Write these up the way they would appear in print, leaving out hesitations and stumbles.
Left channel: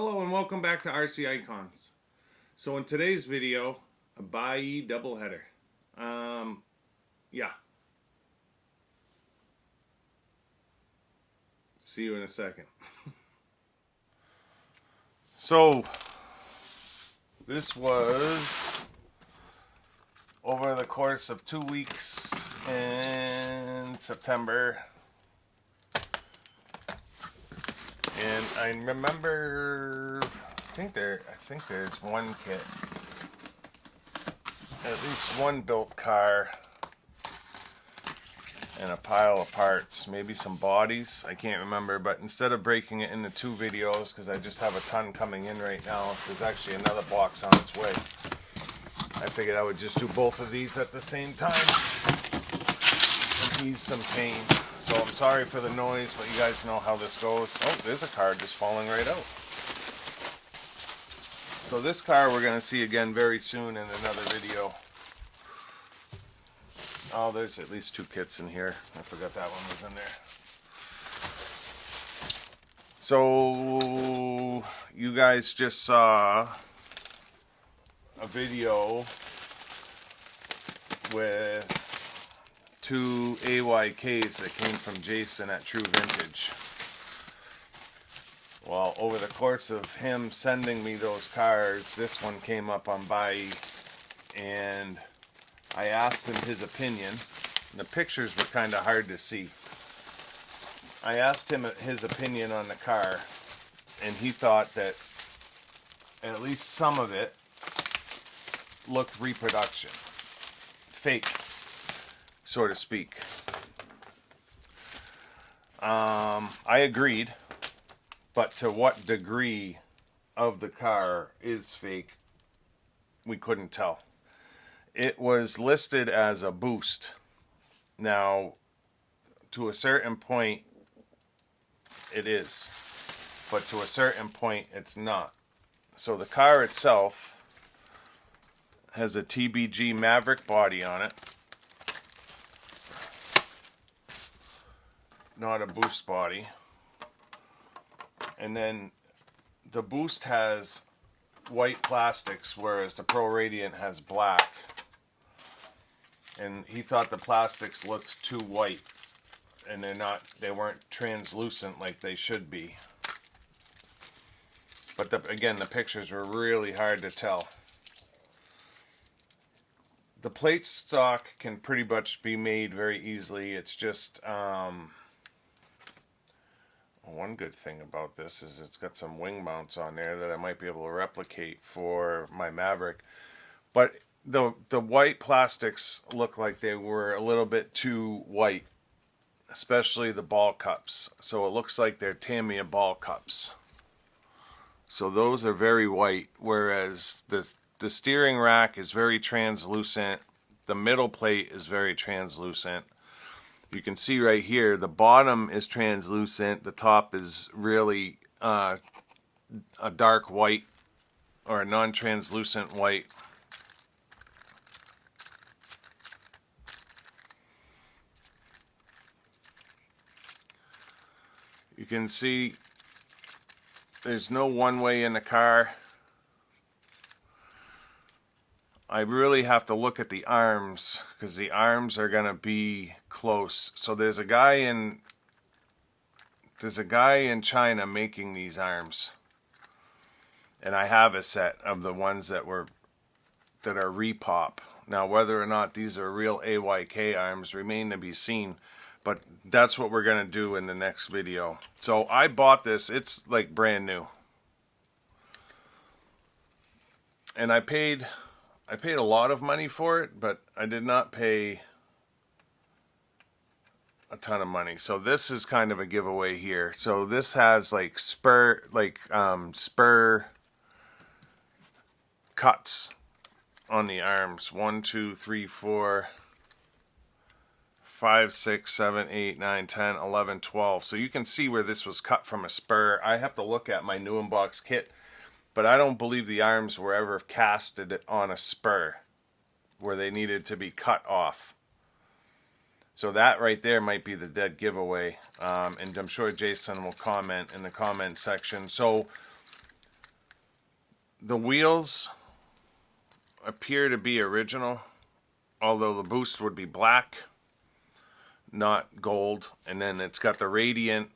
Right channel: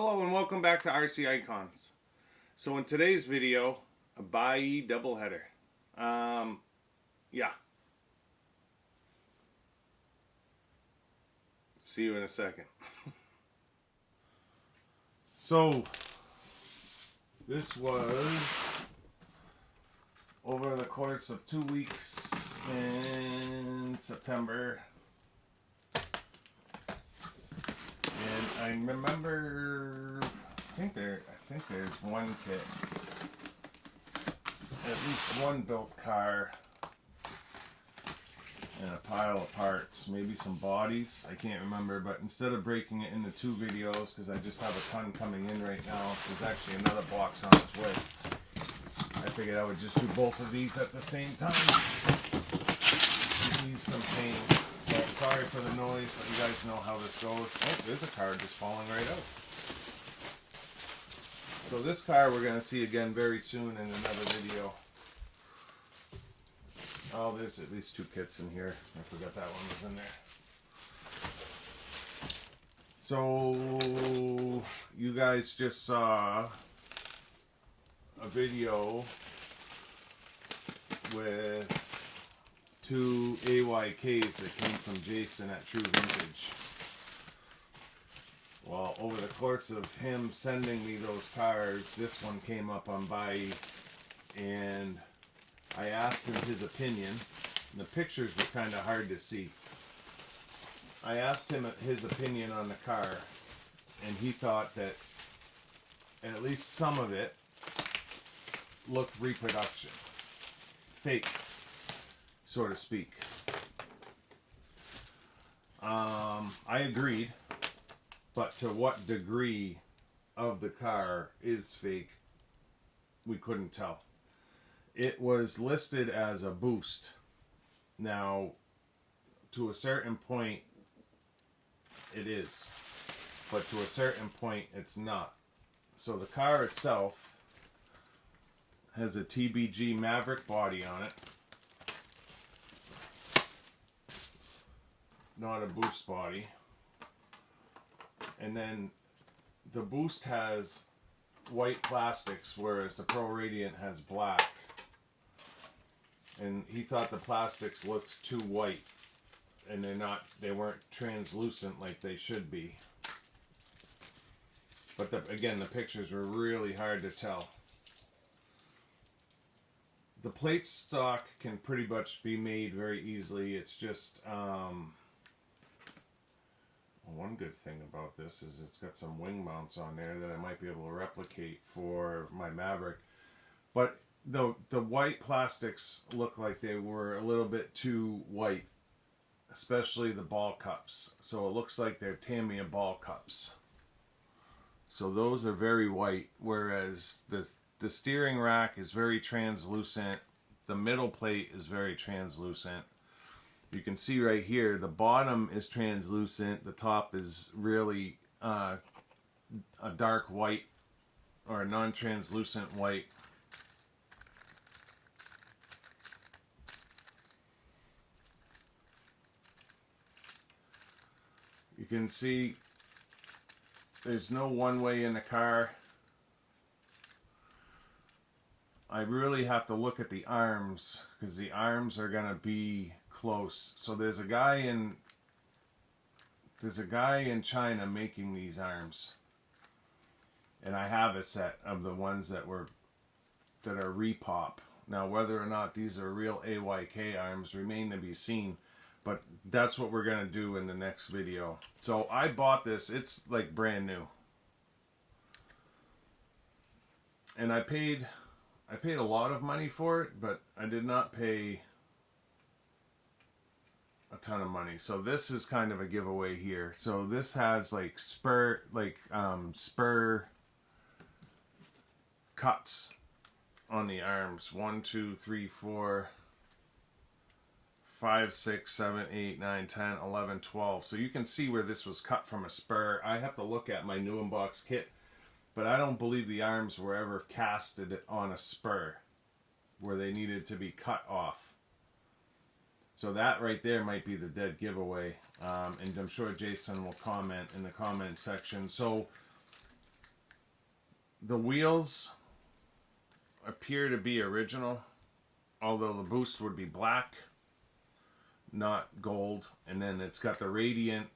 Hello and welcome back to RC Icons. So in today's video, a Buyee Doubleheader. Yeah. See you in a second. So this was over the course of 2 weeks in September. And I remember, I think there's one kit, at least one built car, and a pile of parts, maybe some bodies, I can't remember, but instead of breaking it into 2 videos, because I just have a ton coming in right now, there's actually another box on its way. I figured I would just do both of these at the same time, and ease some pain. So I'm sorry for the noise, but you guys know how this goes. Oh, there's a car just falling right out. So this car we're going to see again very soon in another video. Oh, there's at least 2 kits in here. I forgot that one was in there. So you guys just saw a video with 2 AYKs that came from Jason at True Vintage. Well, over the course of him sending me those cars, this one came up on Buyee, and I asked him his opinion. The pictures were kind of hard to see. I asked him his opinion on the car, and he thought that at least some of it looked reproduction. Fake, so to speak. I agreed, but to what degree of the car is fake, we couldn't tell. It was listed as a boost. Now, to a certain point, it is, but to a certain point, it's not. So the car itself has a TBG Maverick body on it. Not a boost body. And then the boost has white plastics, whereas the Pro Radiant has black. And he thought the plastics looked too white, and they weren't translucent like they should be. But again, the pictures were really hard to tell. The plate stock can pretty much be made very easily. It's just one good thing about this is it's got some wing mounts on there that I might be able to replicate for my Maverick. But the white plastics look like they were a little bit too white, especially the ball cups. So it looks like they're Tamiya ball cups. So those are very white, whereas the steering rack is very translucent. The middle plate is very translucent. You can see right here, the bottom is translucent. The top is really a dark white or a non-translucent white. You can see there's no one way in the car. I really have to look at the arms because the arms are gonna be close. So there's a guy in China making these arms, and I have a set of the ones that are repop. Now whether or not these are real AYK arms remain to be seen, but that's what we're gonna do in the next video. So I bought this, it's like brand new, and I paid a lot of money for it, but I did not pay a ton of money. So this is kind of a giveaway here. So this has like spur cuts on the arms. 1, 2, 3, 4, 5, 6, 7, 8, 9, 10, 11, 12. So you can see where this was cut from a spur. I have to look at my new unbox kit, but I don't believe the arms were ever casted on a spur where they needed to be cut off. So that right there might be the dead giveaway. And I'm sure Jason will comment in the comment section. So The wheels appear to be original, although the boost would be black, not gold. And then it's got the Radiant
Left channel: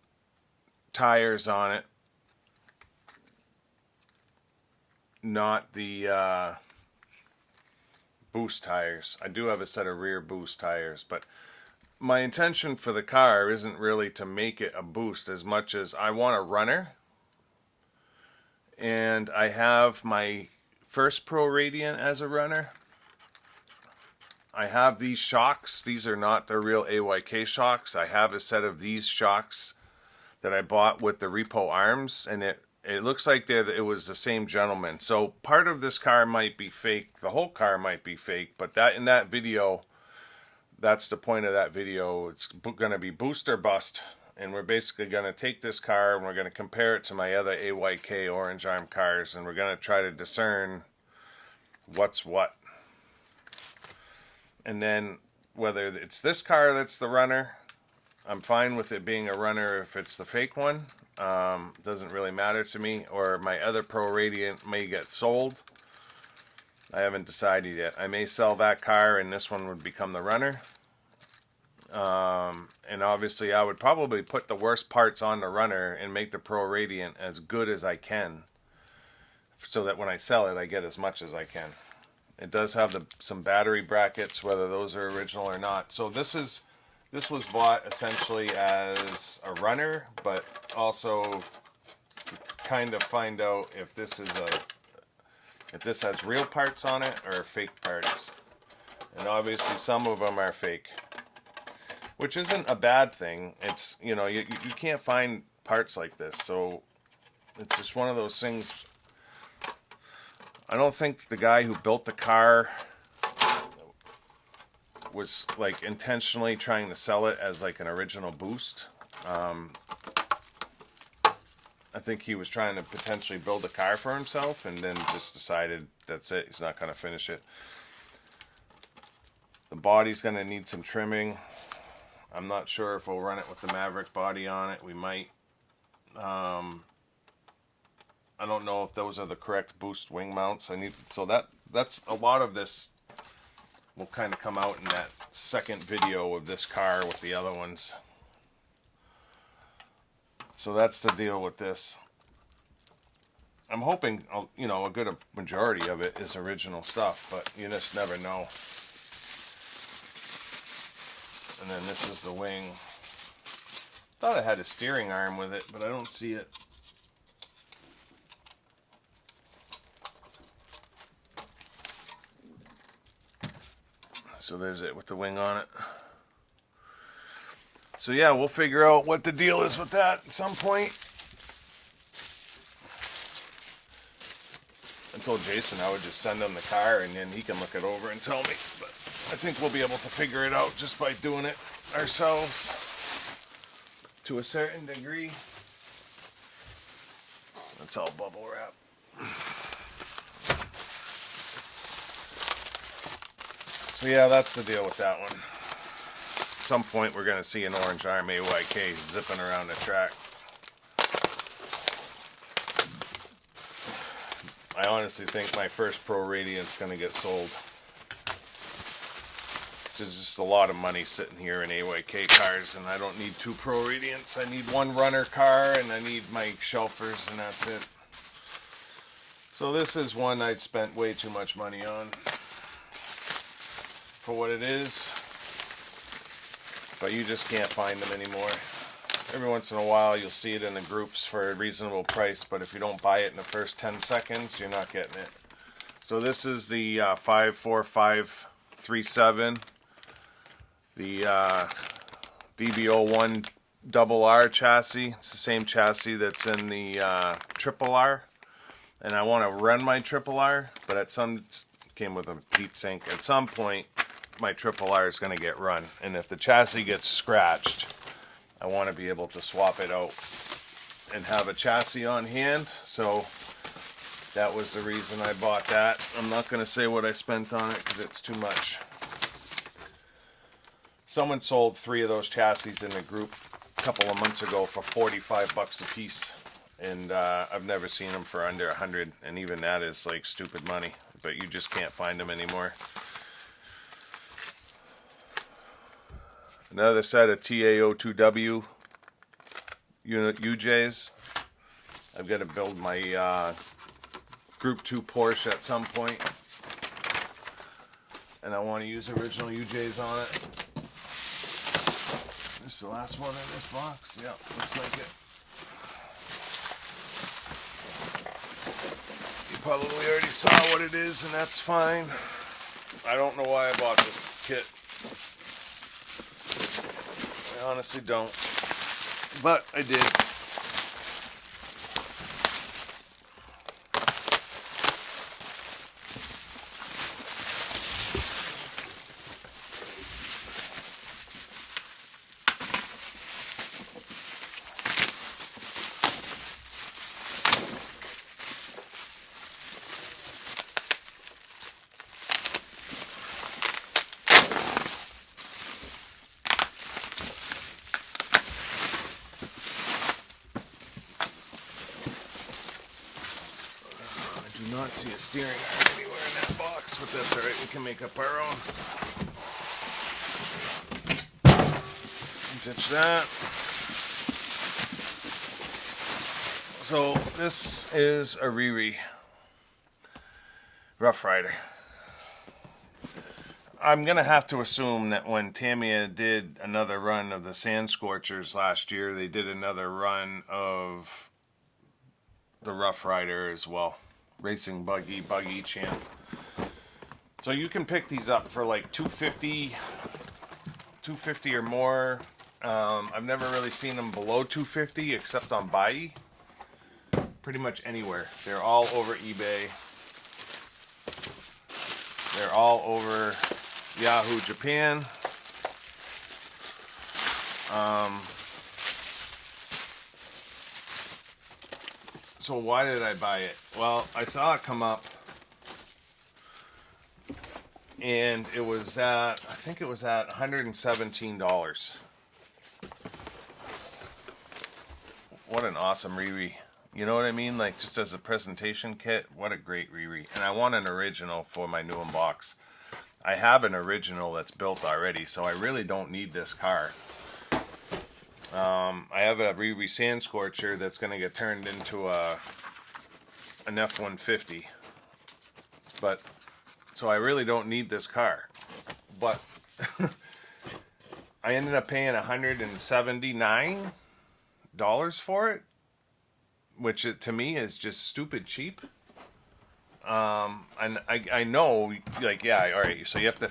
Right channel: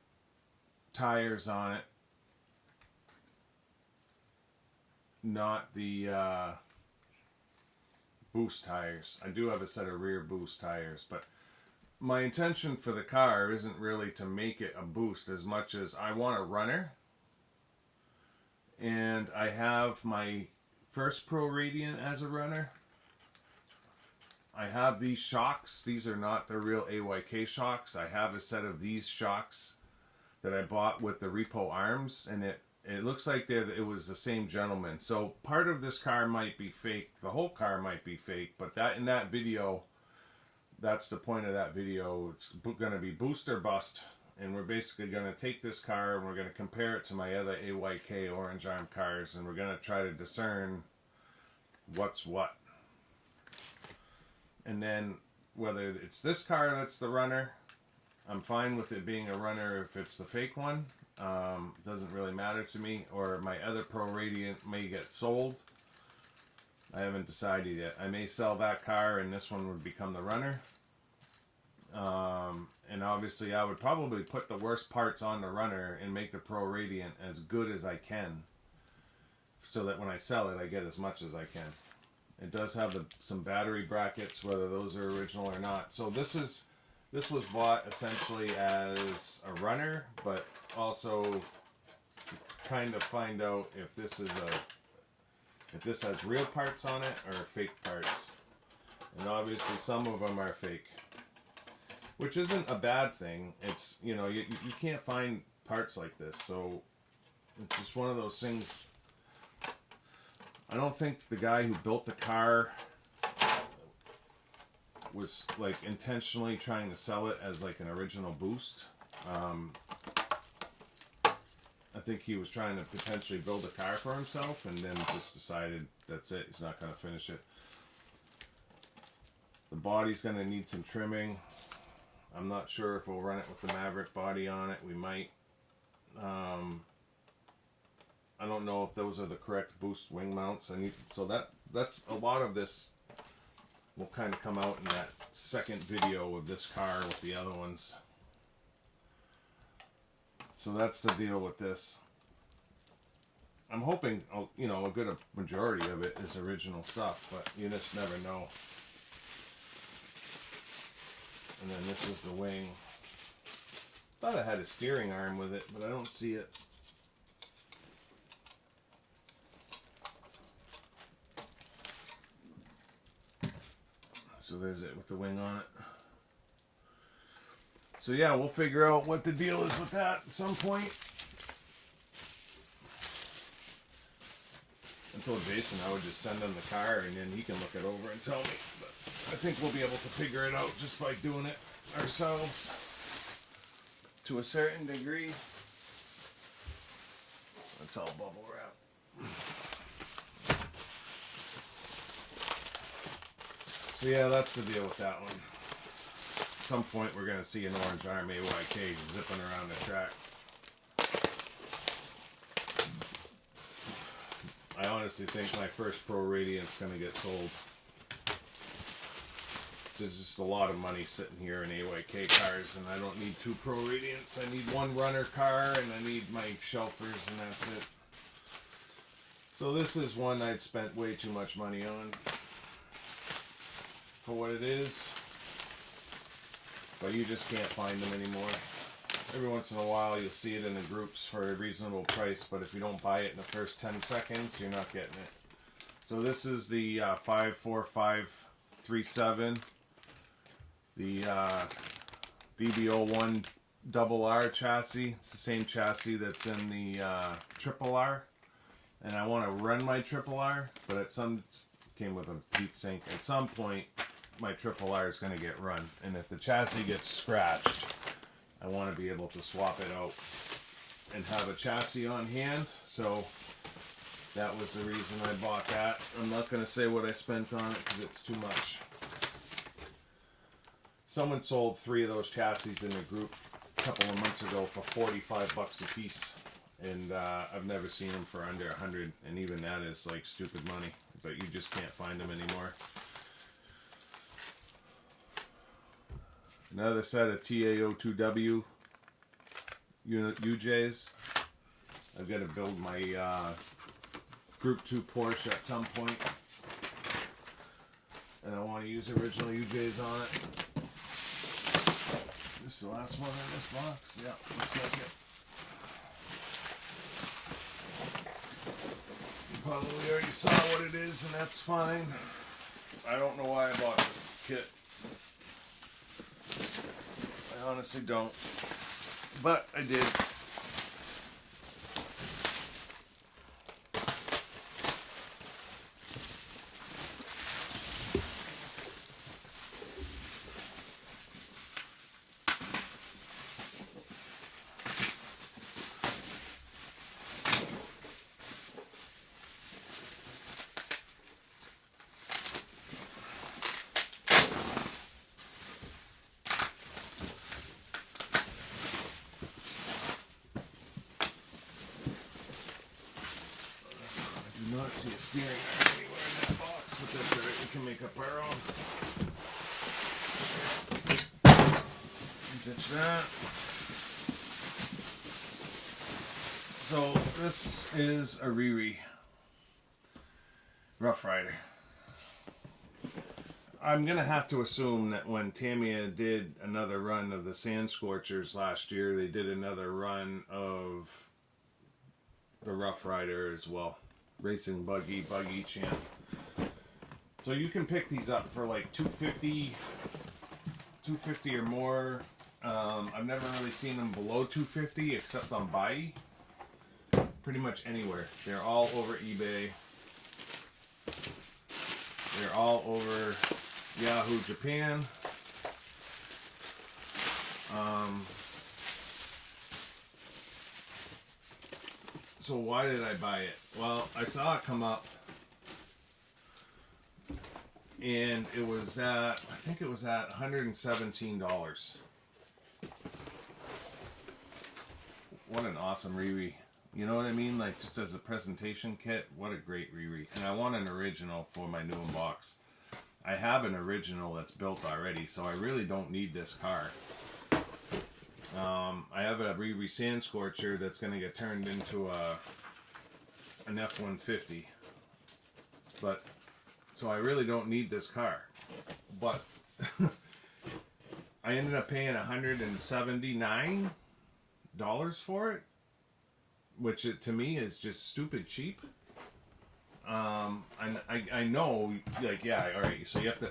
tires on it, not the boost tires. I do have a set of rear boost tires, but my intention for the car isn't really to make it a boost as much as I want a runner. And I have my first Pro Radiant as a runner. I have these shocks. These are not the real AYK shocks. I have a set of these shocks that I bought with the repo arms, and it looks like it was the same gentleman. So part of this car might be fake. The whole car might be fake, but that in that video, that's the point of that video. It's going to be boost or bust, and we're basically going to take this car and we're going to compare it to my other AYK orange arm cars, and we're going to try to discern what's what. And then whether it's this car that's the runner, I'm fine with it being a runner if it's the fake one. Doesn't really matter to me. Or my other Pro Radiant may get sold. I haven't decided yet. I may sell that car and this one would become the runner. And obviously I would probably put the worst parts on the runner and make the Pro Radiant as good as I can, so that when I sell it I get as much as I can. It does have some battery brackets, whether those are original or not. So this was bought essentially as a runner, but also to kind of find out if this has real parts on it or fake parts. And obviously some of them are fake, which isn't a bad thing. It's, you know, you can't find parts like this, so it's just one of those things. I don't think the guy who built the car was like intentionally trying to sell it as like an original boost. I think he was trying to potentially build a car for himself and then just decided that's it, he's not going to finish it. The body's going to need some trimming. I'm not sure if we'll run it with the Maverick body on it. We might. I don't know if those are the correct boost wing mounts. So that's a lot of this will kind of come out in that second video of this car with the other ones. So that's the deal with this. I'm hoping, you know, a good majority of it is original stuff, but you just never know. And then this is the wing. Thought it had a steering arm with it, but I don't see it. So there's it with the wing on it. So yeah, we'll figure out what the deal is with that at some point. I told Jason I would just send him the car and then he can look it over and tell me. But I think we'll be able to figure it out just by doing it ourselves to a certain degree. That's all bubble wrap. So yeah, that's the deal with that one. At some point we're going to see an orange arm AYK zipping around the track. I honestly think my first Pro Radiant's going to get sold. There's just a lot of money sitting here in AYK cars, and I don't need 2 Pro Radiants. I need 1 runner car, and I need my shelfers, and that's it. So this is one I'd spent way too much money on for what it is. But you just can't find them anymore. Every once in a while you'll see it in the groups for a reasonable price, but if you don't buy it in the first 10 seconds, you're not getting it. So this is the 54537, the DB01 double R chassis. It's the same chassis that's in the triple R, and I want to run my triple R, but at some came with a heat sink. At some point my triple R is going to get run, and if the chassis gets scratched, I want to be able to swap it out and have a chassis on hand. So that was the reason I bought that. I'm not going to say what I spent on it because it's too much. Someone sold 3 of those chassis in the group a couple of months ago for $45 a piece. And I've never seen them for under 100, and even that is like stupid money, but you just can't find them anymore. Another set of TAO2W unit UJs. I've got to build my Group 2 Porsche at some point, and I want to use original UJs on it. This is the last one in this box. Yeah, looks like it. You probably already saw what it is, and that's fine. I don't know why I bought this kit. I honestly don't. But I did. Do not see a steering iron anywhere in that box, but that's alright, we can make up our own. Touch that. So this is a Riri Rough Rider. I'm gonna have to assume that when Tamiya did another run of the Sand Scorchers last year, they did another run of the Rough Rider as well. Racing Buggy Champ. So you can pick these up for like $250 or more. I've never really seen them below $250 except on Buyee. Pretty much anywhere. They're all over eBay. They're all over Yahoo Japan. So why did I buy it? Well, I saw it come up, and it was at, I think it was at $117. What an awesome Riri. You know what I mean? Like, just as a presentation kit, what a great Riri. And I want an original for my new unbox. I have an original that's built already, so I really don't need this car. I have a Riri Sand Scorcher that's going to get turned into an F-150. But, so I really don't need this car. But, I ended up paying $179 for it. Which to me is just stupid cheap. And I know, like, yeah, alright, so you have to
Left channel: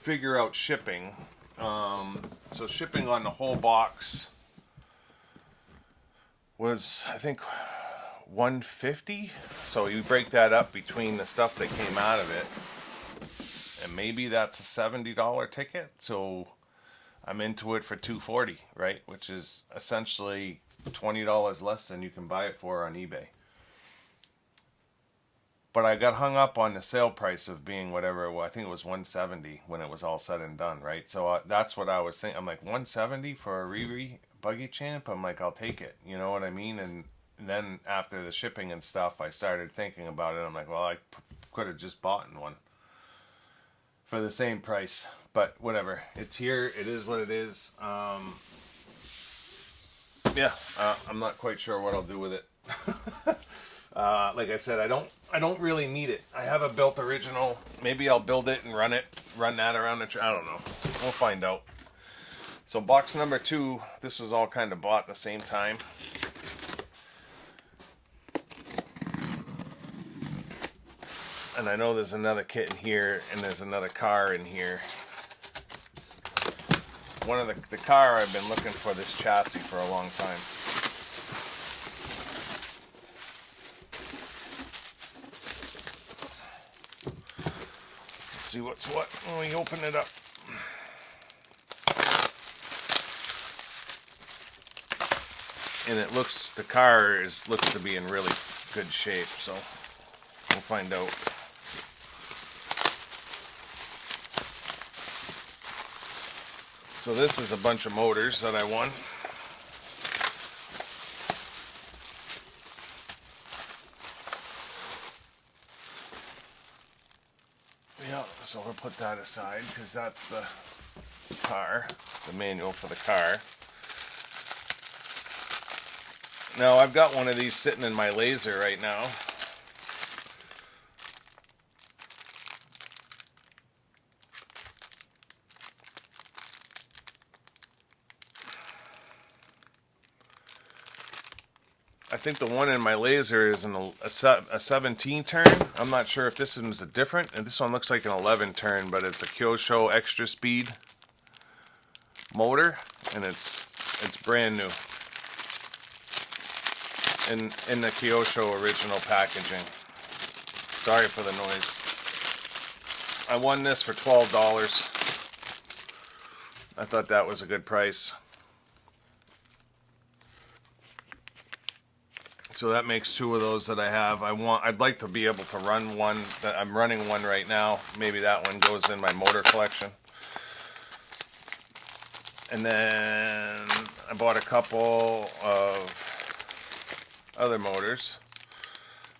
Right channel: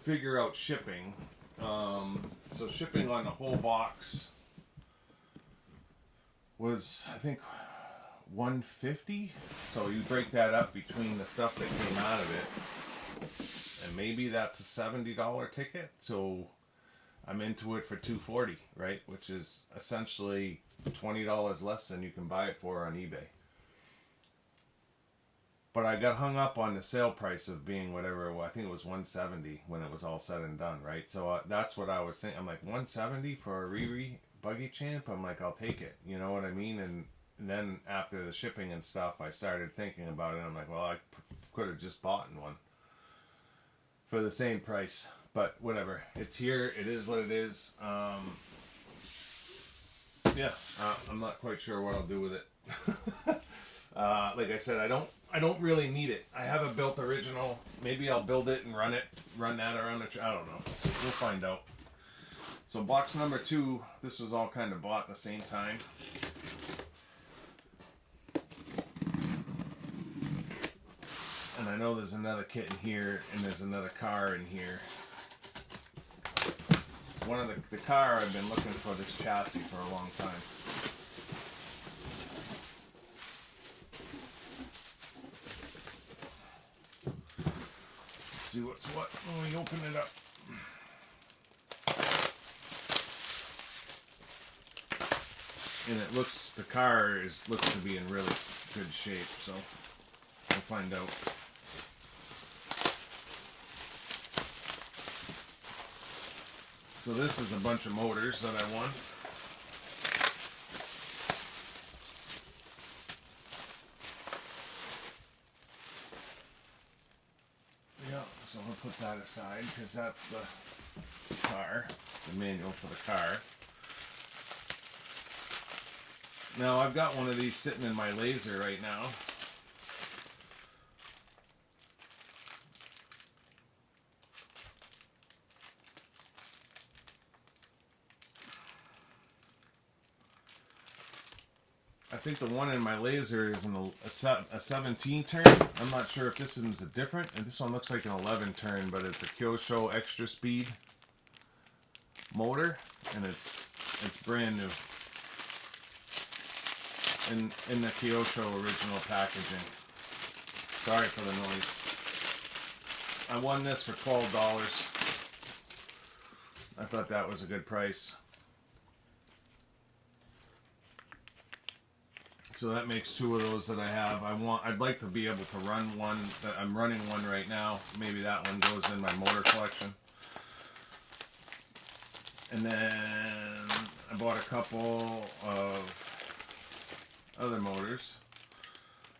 figure out shipping. So shipping on the whole box was, I think, $150. So you break that up between the stuff that came out of it, and maybe that's a $70 ticket. So I'm into it for $240, right? Which is essentially $20 less than you can buy it for on eBay. But I got hung up on the sale price of being whatever it was. I think it was $170 when it was all said and done, right? So that's what I was thinking. I'm like, $170 for a Riri Buggy Champ? I'm like, I'll take it. You know what I mean? And then after the shipping and stuff, I started thinking about it. I'm like, well, I could have just bought one for the same price. But whatever. It's here. It is what it is. Yeah, I'm not quite sure what I'll do with it. Like I said, I don't really need it. I have a built original. Maybe I'll build it and run that around the I don't know. We'll find out. So box number 2, this was all kind of bought at the same time. And I know there's another kit in here, and there's another car in here. One of the car, I've been looking for this chassis for a long time. Let's see what's what when we open it up. And it looks, the car looks to be in really good shape, so we'll find out. So this is a bunch of motors that I won. So we'll put that aside because that's the car, the manual for the car. Now I've got one of these sitting in my laser right now. I think the one in my laser is a 17 turn. I'm not sure if this one's a different, and this one looks like an 11 turn, but it's a Kyosho extra speed motor, and it's brand new in the Kyosho original packaging. Sorry for the noise. I won this for $12. I thought that was a good price. So that makes two of those that I have. I'd like to be able to run one. That I'm running one right now. Maybe that one goes in my motor collection. And then I bought a couple of other motors.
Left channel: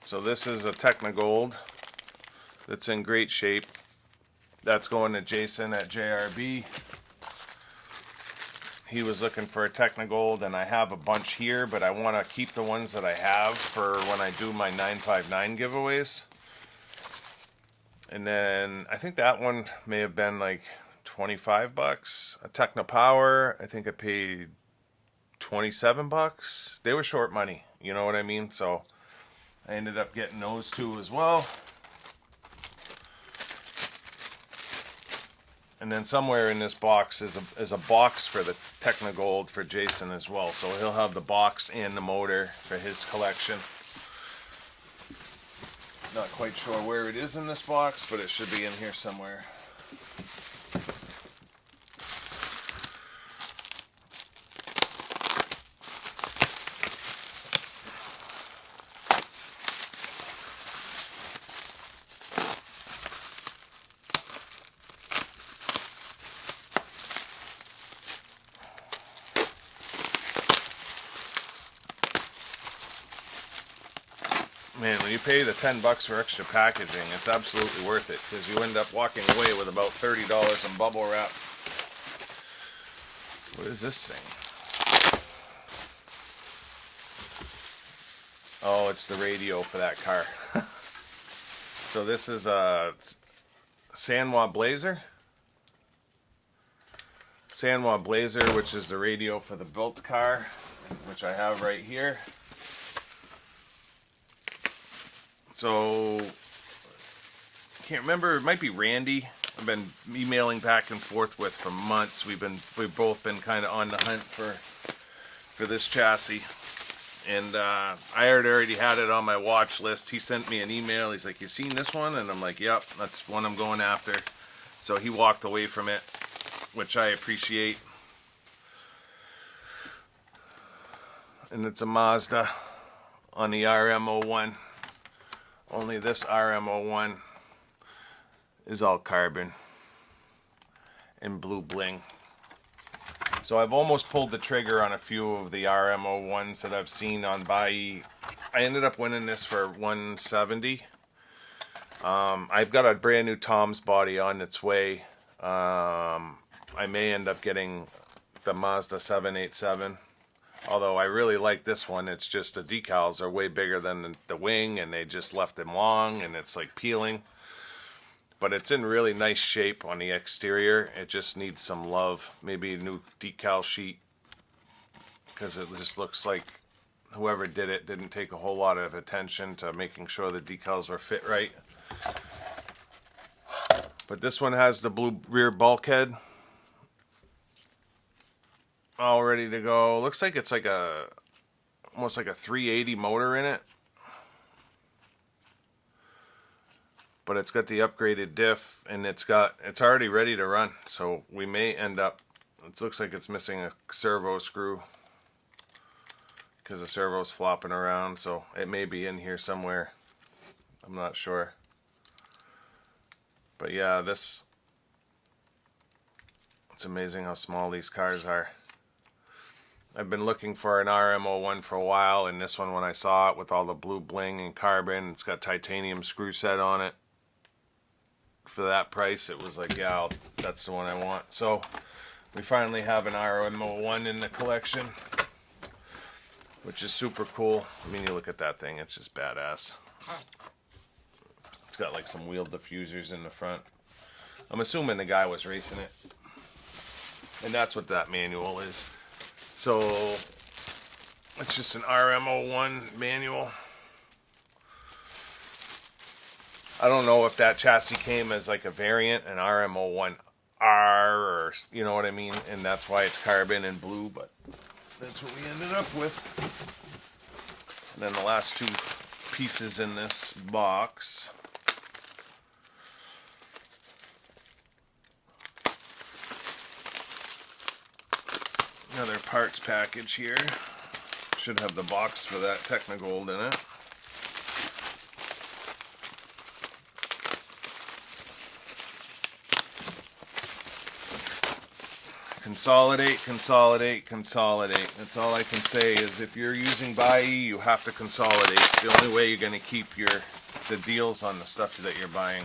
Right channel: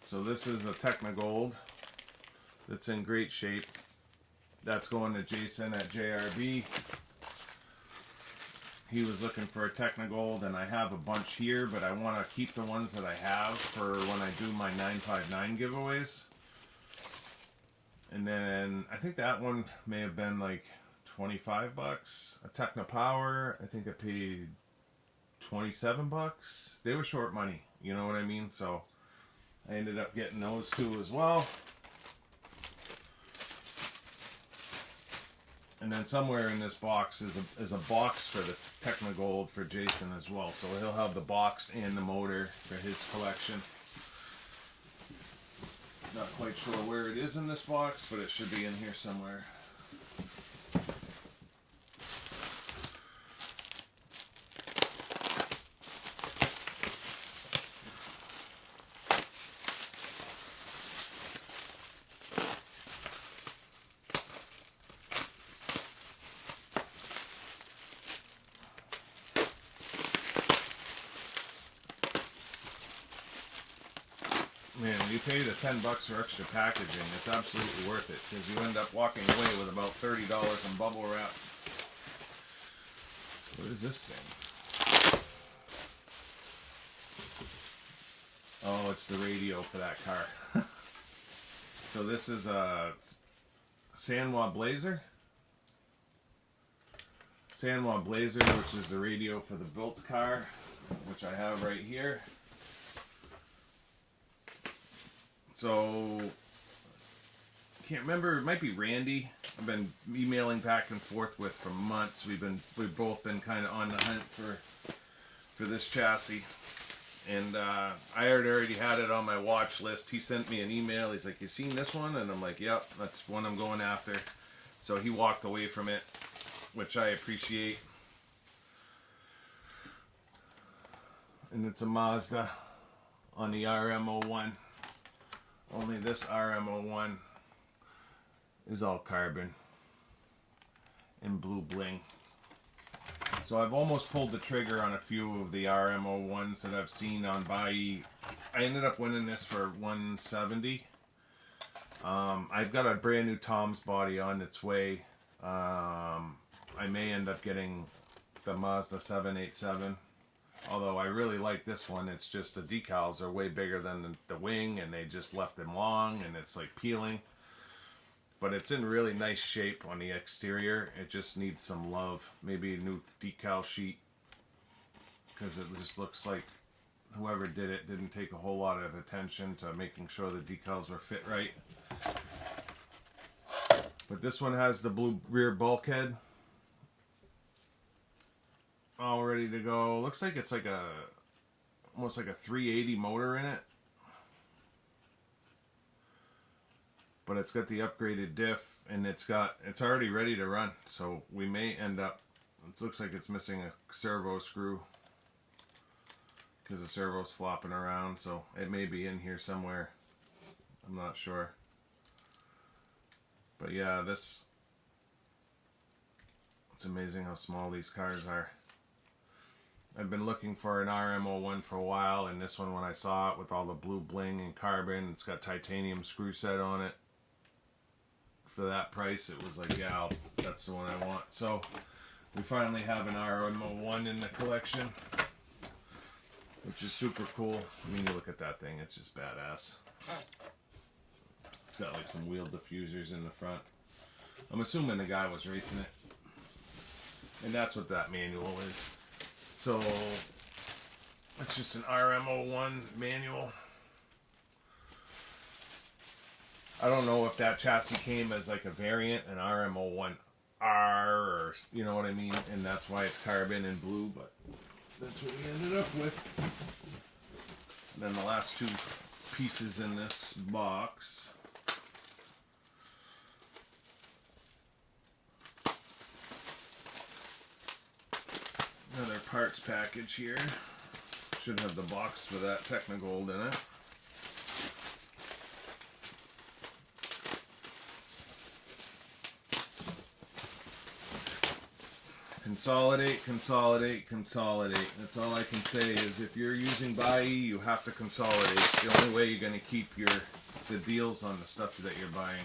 So this is a Technogold that's in great shape. That's going to Jason at JRB. He was looking for a Technogold, and I have a bunch here, but I want to keep the ones that I have for when I do my 959 giveaways. And then I think that one may have been like 25 bucks. A Techno Power, I think I paid 27 bucks. They were short money, you know what I mean? So I ended up getting those two as well. And then somewhere in this box is a box for the Technogold for Jason as well. So he'll have the box and the motor for his collection. Not quite sure where it is in this box, but it should be in here somewhere. Man, when you pay the 10 bucks for extra packaging, it's absolutely worth it because you end up walking away with about $30 in bubble wrap. What is this thing? Oh, it's the radio for that car. So this is a Sanwa Blazer. Sanwa Blazer, which is the radio for the built car, which I have right here. So, can't remember, it might be Randy. I've been emailing back and forth with for months. We've both been kind of on the hunt for this chassis. And I already had it on my watch list. He sent me an email. He's like, "You seen this one?" And I'm like, "Yep, that's one I'm going after." So he walked away from it, which I appreciate. And it's a Mazda on the RM01. Only this RM01 is all carbon and blue bling. So I've almost pulled the trigger on a few of the RM01s that I've seen on Buyee. I ended up winning this for $170. I've got a brand new Tom's body on its way. I may end up getting the Mazda 787. Although I really like this one. It's just the decals are way bigger than the wing, and they just left them long, and it's like peeling. But it's in really nice shape on the exterior. It just needs some love. Maybe a new decal sheet, because it just looks like whoever did it didn't take a whole lot of attention to making sure the decals were fit right. But this one has the blue rear bulkhead all ready to go. Looks like it's like almost like a 380 motor in it, but it's got the upgraded diff, and it's already ready to run. So we may end up, it looks like it's missing a servo screw because the servo's flopping around, so it may be in here somewhere. I'm not sure. But yeah, it's amazing how small these cars are. I've been looking for an RM01 for a while, and this one, when I saw it with all the blue bling and carbon, it's got titanium screw set on it. for that price, it was like, yeah, that's the one I want. So we finally have an RMO1 in the collection, which is super cool. I mean, you look at that thing, it's just badass. It's got like some wheel diffusers in the front. I'm assuming the guy was racing it. And that's what that manual is. So it's just an RMO1 manual. I don't know if that chassis came as like a variant, an RMO1R, or you know what I mean, and that's why it's carbon and blue, but that's what we ended up with. And then the last two pieces in this box. Another parts package here. Should have the box for that Technogold in it. Consolidate, consolidate, consolidate. That's all I can say is if you're using Buyee, you have to consolidate. It's the only way you're going to keep the deals on the stuff that you're buying.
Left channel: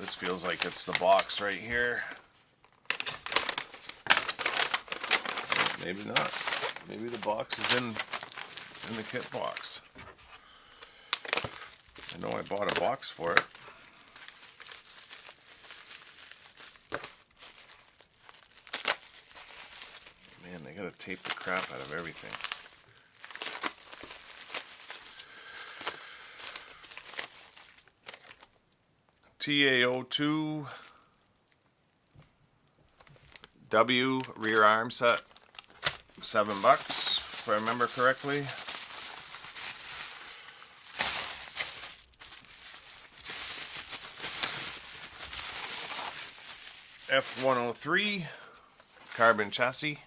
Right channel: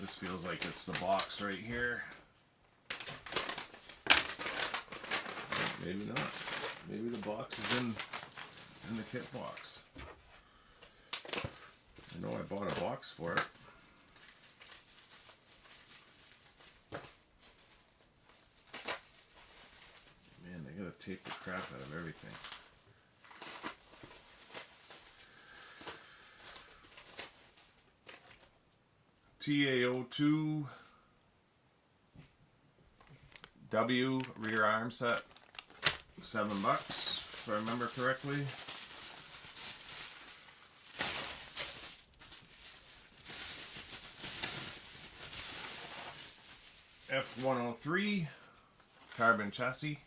This feels like it's the box right here. Maybe not. Maybe the box is in the kit box. I know I bought a box for it. Man, they gotta tape the crap out of everything. TA02 W rear arm set, $7 if I remember correctly. F103 carbon chassis.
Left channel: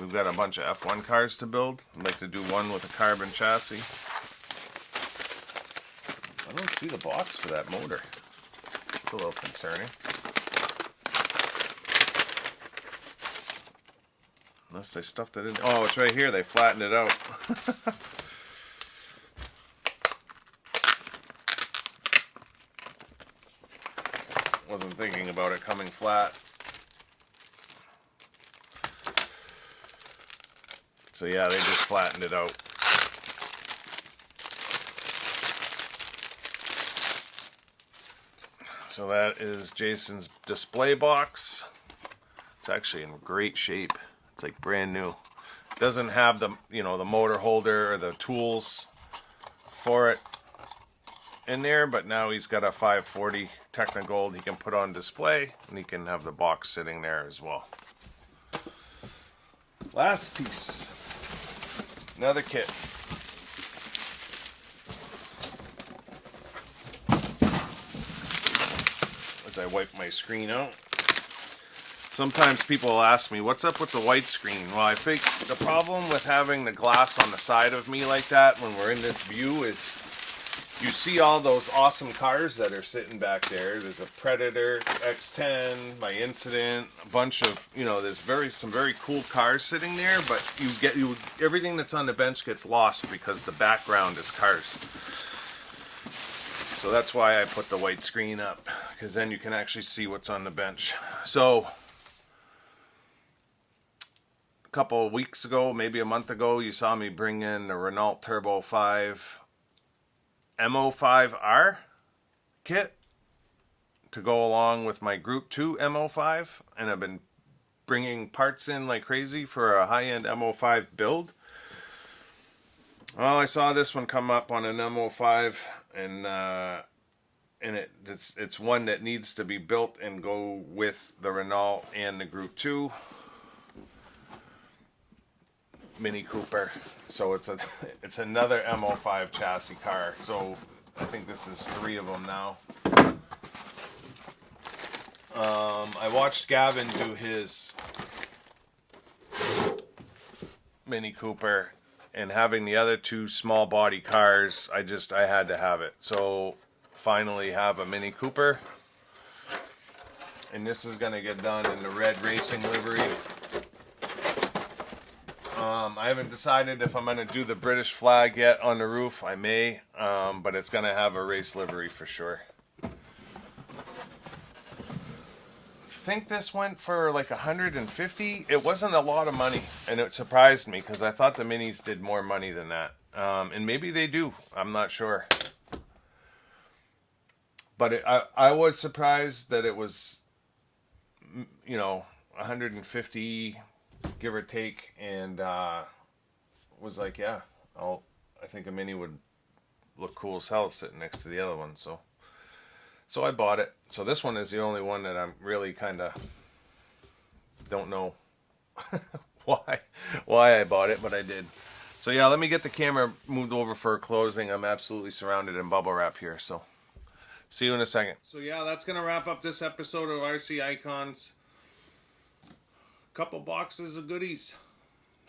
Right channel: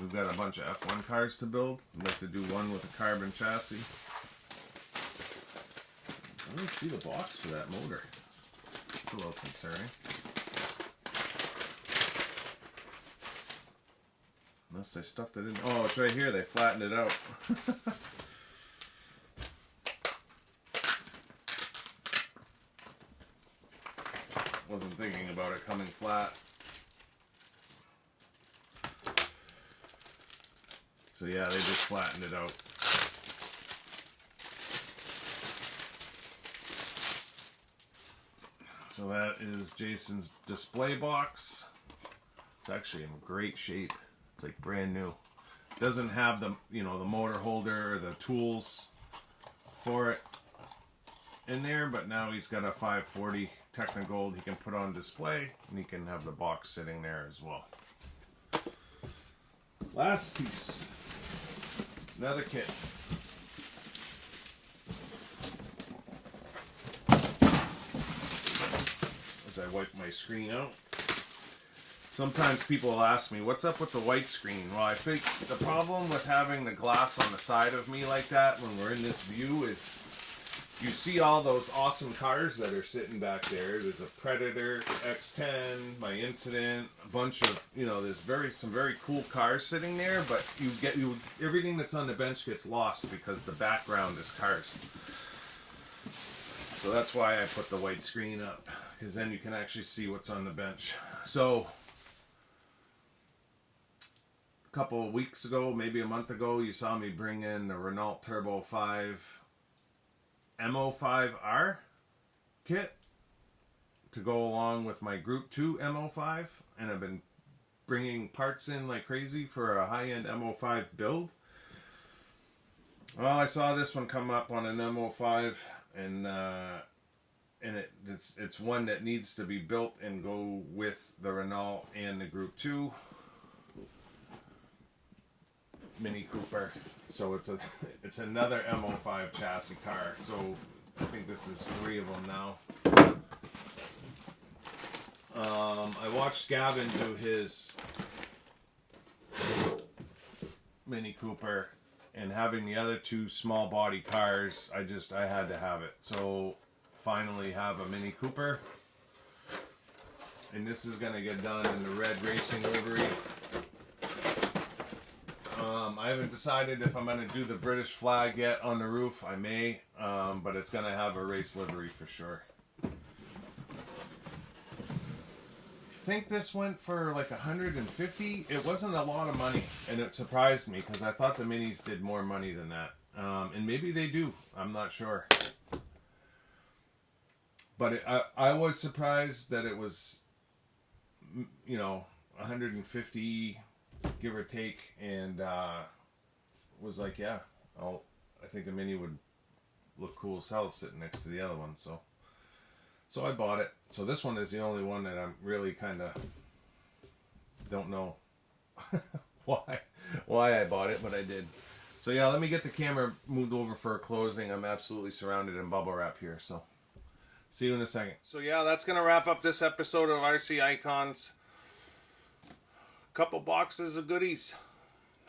We've got a bunch of F1 cars to build. I'd like to do one with a carbon chassis. I don't see the box for that motor. It's a little concerning. Unless they stuffed it in. Oh, it's right here. They flattened it out. Wasn't thinking about it coming flat. So yeah, they just flattened it out. So that is Jason's display box. It's actually in great shape. It's like brand new. It doesn't have the, the motor holder or the tools for it in there, but now he's got a 540 Technogold he can put on display, and he can have the box sitting there as well. Last piece. Another kit. As I wipe my screen out. Sometimes people will ask me, what's up with the white screen? Well, I think the problem with having the glass on the side of me like that when we're in this view is you see all those awesome cars that are sitting back there. There's a Predator, X10, my Incident, a bunch of, there's some very cool cars sitting there, but everything that's on the bench gets lost because the background is cars. So that's why I put the white screen up, because then you can actually see what's on the bench. So couple of weeks ago, maybe a month ago, you saw me bring in the Renault Turbo 5 MO5R kit to go along with my Group 2 MO5, and I've been bringing parts in like crazy for a high-end MO5 build. Well, I saw this one come up on an MO5, and it's one that needs to be built and go with the Renault and the Group 2 Mini Cooper. So it's another MO5 chassis car. So I think this is 3 of them now. I watched Gavin do his Mini Cooper, and having the other 2 small body cars, I had to have it. So finally have a Mini Cooper, and this is gonna get done in the red racing livery. I haven't decided if I'm going to do the British flag yet on the roof. I may, but it's going to have a race livery for sure. I think this went for like 150. It wasn't a lot of money, and it surprised me because I thought the minis did more money than that. And maybe they do. I'm not sure. But I was surprised that it was, 150, give or take, and was like, yeah, I think a mini would look cool as hell sitting next to the other one. So I bought it. So this one is the only one that I'm really kind of don't know why I bought it, but I did. So yeah, let me get the camera moved over for a closing. I'm absolutely surrounded in bubble wrap here, so see you in a second. So yeah, that's going to wrap up this episode of RC Icons. Couple boxes of goodies.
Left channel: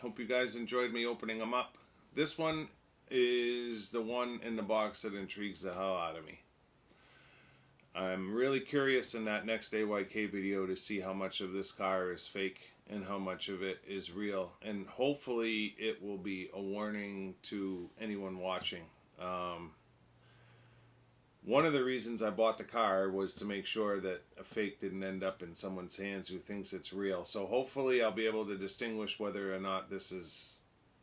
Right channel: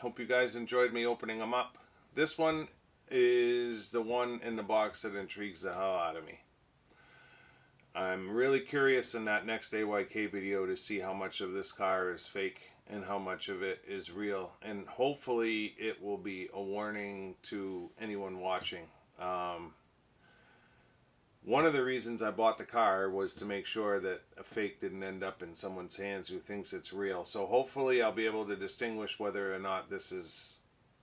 Hope you guys enjoyed me opening them up. This one is the one in the box that intrigues the hell out of me. I'm really curious in that next AYK video to see how much of this car is fake and how much of it is real, and hopefully it will be a warning to anyone watching. One of the reasons I bought the car was to make sure that a fake didn't end up in someone's hands who thinks it's real. So hopefully I'll be able to distinguish whether or not this is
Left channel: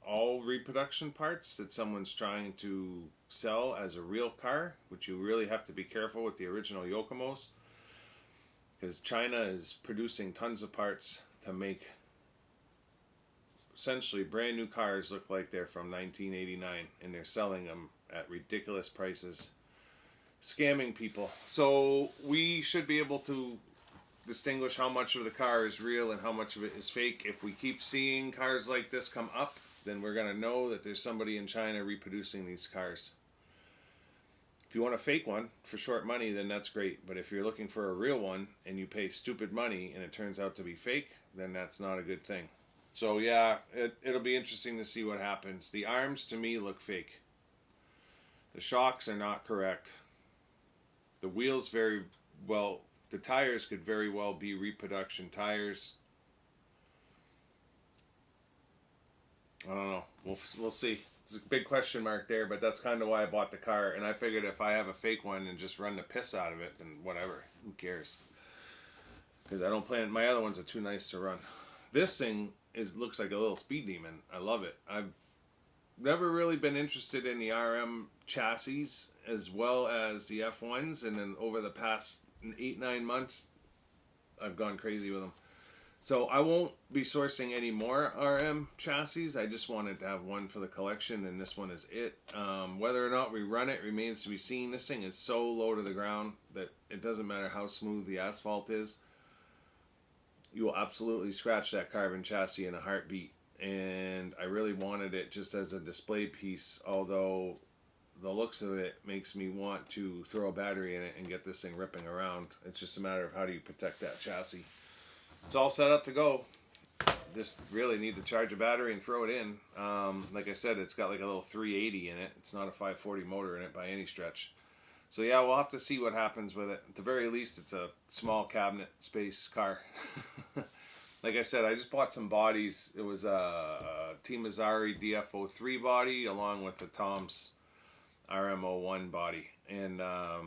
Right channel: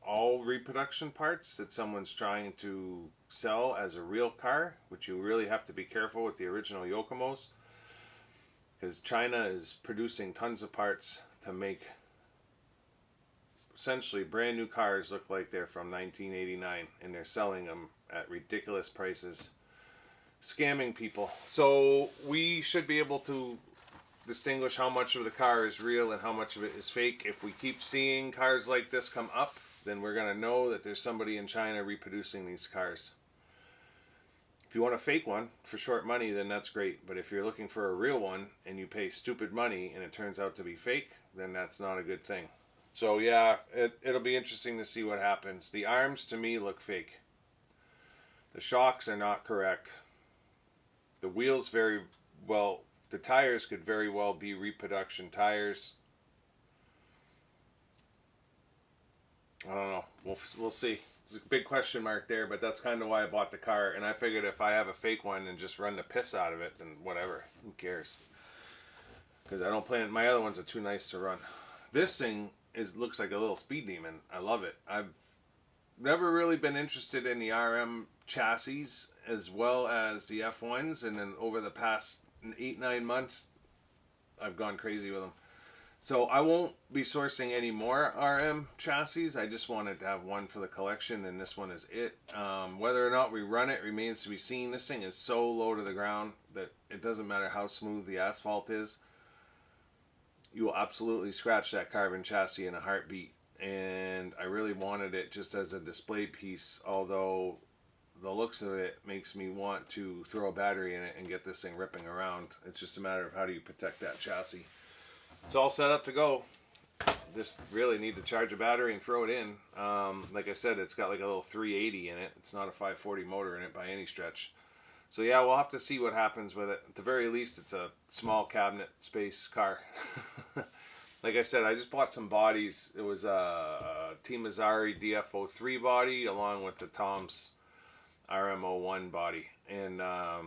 all reproduction parts that someone's trying to sell as a real car, which you really have to be careful with the original Yokomos, because China is producing tons of parts to make essentially brand new cars look like they're from 1989, and they're selling them at ridiculous prices, scamming people. So we should be able to distinguish how much of the car is real and how much of it is fake. If we keep seeing cars like this come up, then we're going to know that there's somebody in China reproducing these cars. If you want a fake one for short money, then that's great. But if you're looking for a real one and you pay stupid money and it turns out to be fake, then that's not a good thing. So yeah, it'll be interesting to see what happens. The arms to me look fake. The shocks are not correct. The wheels very well, the tires could very well be reproduction tires. I don't know. We'll see. It's a big question mark there, but that's kind of why I bought the car. And I figured if I have a fake one and just run the piss out of it, then whatever. Who cares? Because I don't plan. My other ones are too nice to run. This thing looks like a little speed demon. I love it. I've never really been interested in the RM chassis as well as the F1s, and then over the past 8-9 months, I've gone crazy with them. So I won't be sourcing any more RM chassis. I just wanted to have one for the collection, and this one is it. Whether or not we run it remains to be seen. This thing is so low to the ground that it doesn't matter how smooth the asphalt is. You will absolutely scratch that carbon chassis in a heartbeat. And I really wanted it just as a display piece, although the looks of it makes me want to throw a battery in it and get this thing ripping around. It's just a matter of how do you protect that chassis. It's all set up to go. Just really need to charge a battery and throw it in. Like I said, it's got like a little 380 in it. It's not a 540 motor in it by any stretch. So yeah, we'll have to see what happens with it. At the very least, it's a small cabinet space car. Like I said, I just bought some bodies. It was a Team Mazzari DF03 body along with the Tom's RM01 body. And I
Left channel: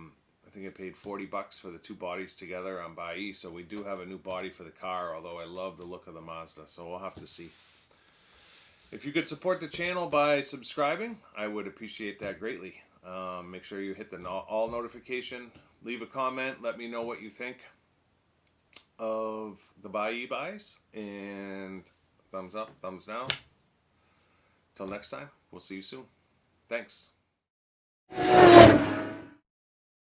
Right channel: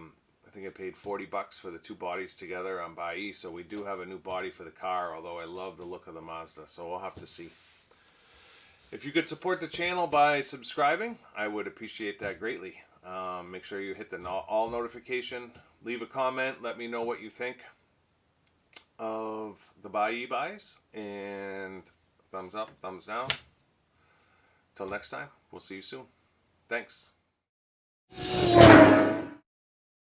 think I paid $40 for the two bodies together on Buyee. So we do have a new body for the car, although I love the look of the Mazda. So we'll have to see. If you could support the channel by subscribing, I would appreciate that greatly. Make sure you hit the all notification. Leave a comment. Let me know what you think of the Buyee buys. And thumbs up, thumbs down. Till next time, we'll see you soon. Thanks.